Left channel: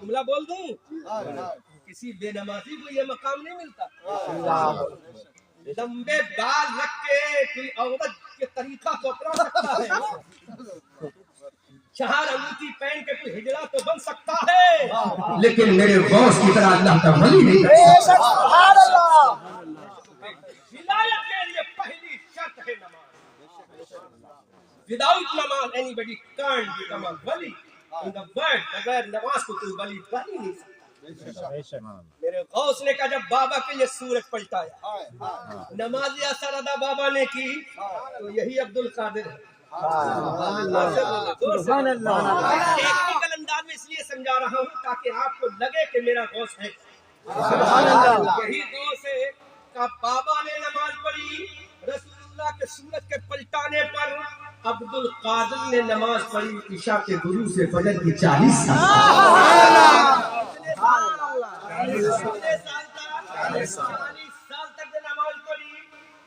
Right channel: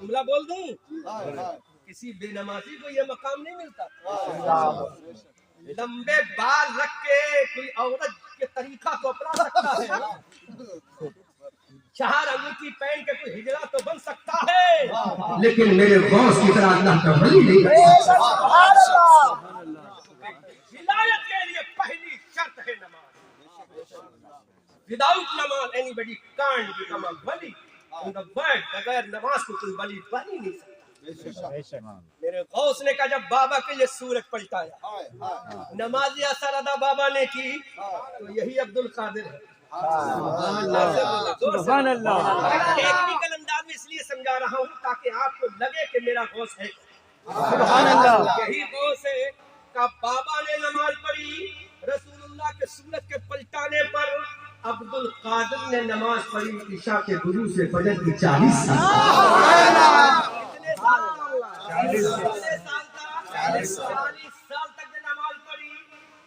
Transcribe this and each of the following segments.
جملہ بول دوں، کسی بے نمازی کو یہ مقام نہیں ملتا۔ لمبے بال رکھ کے کوئی عورت کے طریقہ کو اپنا سکتا ہے، 4 انگوٹھی پہن کے کوئی ہجڑا تو بن سکتا ہے، لیکن میرے غوث کی طرح اللہ کا ولی نہیں ہے۔ ولایت کے لیے پہلی شرط ہے نماز۔ وداؤٹ نماز anybody can't become a wali in the world۔ بغیر نماز کو کوئی ولی بن ہی نہیں سکتا۔ میرے غوث نے کہا جب بابا کے لیے سورج پلٹایا، نماز اثر ادا بابا نے کی، تو یہی عبد القادر ہے۔ سبحان اللہ۔ ٹیکنیکل انداز میں اس لیے سمجھا رہا ہوں تاکہ آپ کو لگے کہ میرا غوث ہے۔ سبحان اللہ۔ یہی غوث ہے کہ بابا نے نماز پڑھی، رسول اللہ کے سورج کے پلٹانے پر عبد القادر نے نماز پڑھی عشاء کے غروب سے فجر کی 40 سال۔ کتنے سال تک؟ 40 سال تک نے نماز پڑھی۔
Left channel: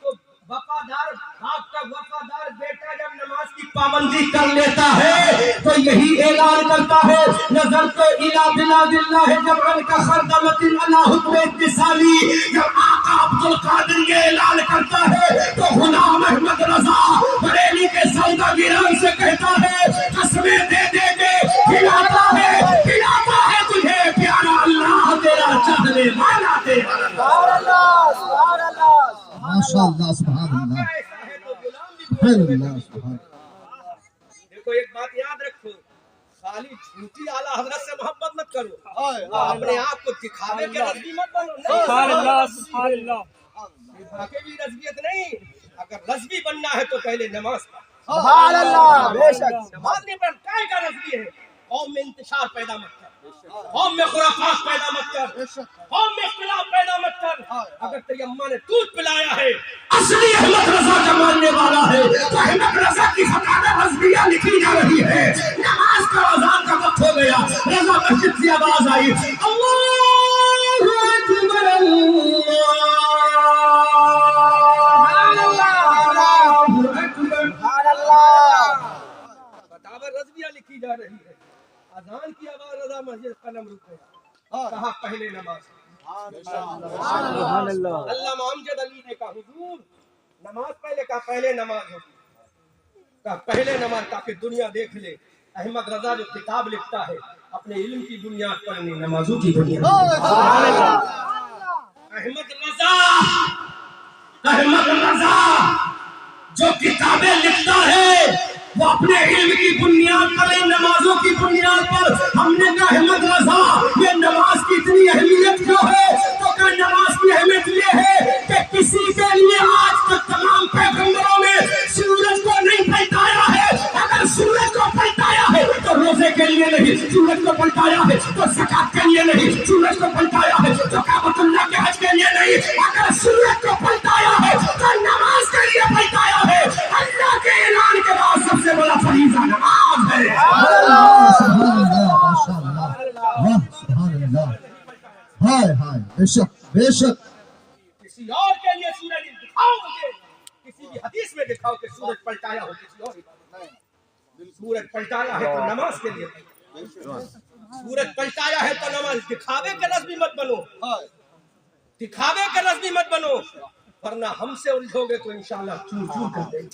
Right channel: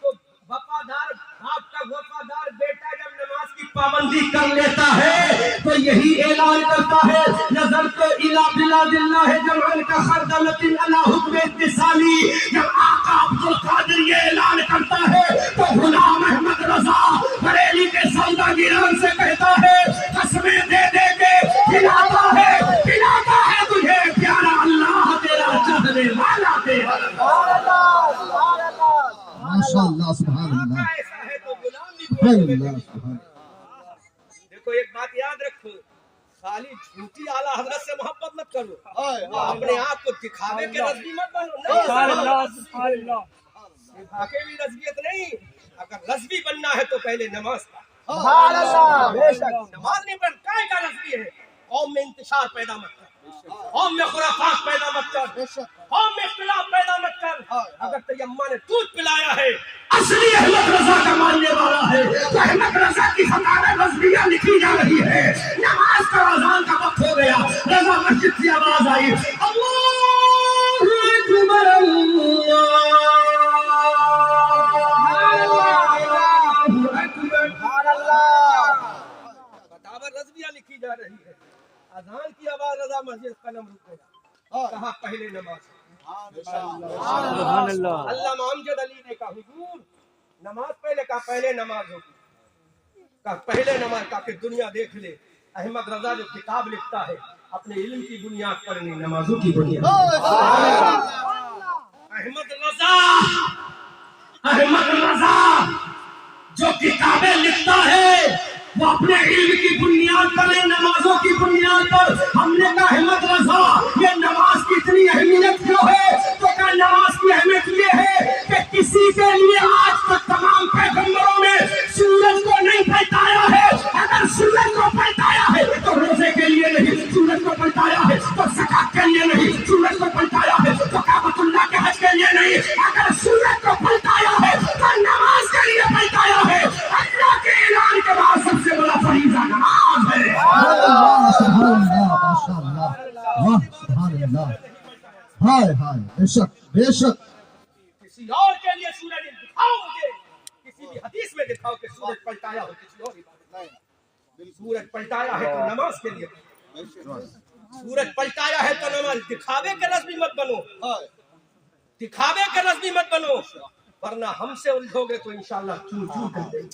تو وفادار باپ کا وفادار بیٹا جب نماز کی پابندی کر لیتا ہے تو یہی اعلان کرتا ہے نظر تو الی بلاد اللہ جمعن کا خردمت علی حکم اتصالی۔ جب آقا عبد القادر یہ اعلان کرتا ہے تو غلام احمد رضا بریلی کے سوداگران سے کہتا ہے قسمیں دے دے کے کھلاتا ہے تجھے پیارا اللہ تیرا چاہنے والا تیرا۔ ماشاءاللہ سبحان اللہ۔ ایسا ہے تو غلام بھی سبحان اللہ سبحان اللہ۔ دیکھو ایک بات یاد رکھو، خالی جھوٹی اعلیٰ حضرت سے محبت مت کرو، اپنے آپ کو دکھاوے کے رضوی مت بنو۔ سبحان اللہ سبحان اللہ۔ دکھاوے بھی رضویت نہیں، اگر رضوی بننا ہے تو پہلے نماز پڑھ۔ سبحان اللہ بے شک۔ نماز نہیں پڑھ کائے کا رضوی ہے؟ قوم میں انتشار پیدا مت کر، قوم میں خرافات پیدا مت کر، قوم میں اختلاف پیدا مت کر۔ اگر تیری اماں نے دودھ پلایا ہے، اصلی احمد رضا کا ماننے والا ہے، تو احمد رضا کی فتاوی رضویہ لکھی جا رہی ہے۔ نماز کا اذان کا وقت ہو گیا، رضا مسجد سے آواز آئی اللہ اکبر فتاوی رضویہ لکھی جا رہی ہے، اذان کی آواز، رضا مسجد قلم رک گیا، کہا پہلے نماز۔ سبحان اللہ۔ علامہ امجد علی نے کہا حضور نماز پہلے، کہا پہلے نماز ہوگی، کہا پہلے نماز تاکہ دنیا دیکھ لے احمد رضا جو کتاب لکھتا ہے اپنے علم کی بنیاد پر نہیں، نمازوں کی بنیاد۔ احمد رضا جو کتابیں لکھتا ہے وہ اپنے علم کی بنیاد پر نہیں، نمازوں کی بنیاد پر۔ ہم نے کہا احمد رضا یہ نماز کی اتنی اہمیت کیوں ہے؟ تو کہا نماز کی اہمیت یہ ہے کہ کسی کے لیے آج تک تمام پیغمبروں نے سورج کو نہیں پلٹایا ہے۔ اگر سورج کو پلٹایا ہے تو روزے کے لیے نہیں، سورج کو پلٹایا ہے تو زکات کے لیے نہیں، سورج کو پلٹایا ہے تو کعبۃ اللہ کے حج کے لیے نہیں، اگر سورج کو پلٹایا ہے تو نماز کے لیے پلٹایا ہے۔ اللہ کے اعلان کے بعد سب سے بڑا فریضہ نماز ہے۔ سبحان اللہ ماشاءاللہ واہ سبحان اللہ۔ ہائے ہائے بے شک بے شک۔ کسی اور کے لیے سورج دکھاؤ مجھے، کسی بھی حدیث میں دکھاؤ کہ سورج پلٹایا ہو کسی اور عبادت نہیں۔ سورج پلٹایا ہے تو نماز کے لیے، سورج پلٹایا ہے تو نماز۔ دکھاوے کے رضوی مت بنو، دکھاوے کے رضوی مت بنو، ورنہ ہم سے الجھو گے تو انشاءاللہ چور چور کر دیں گے۔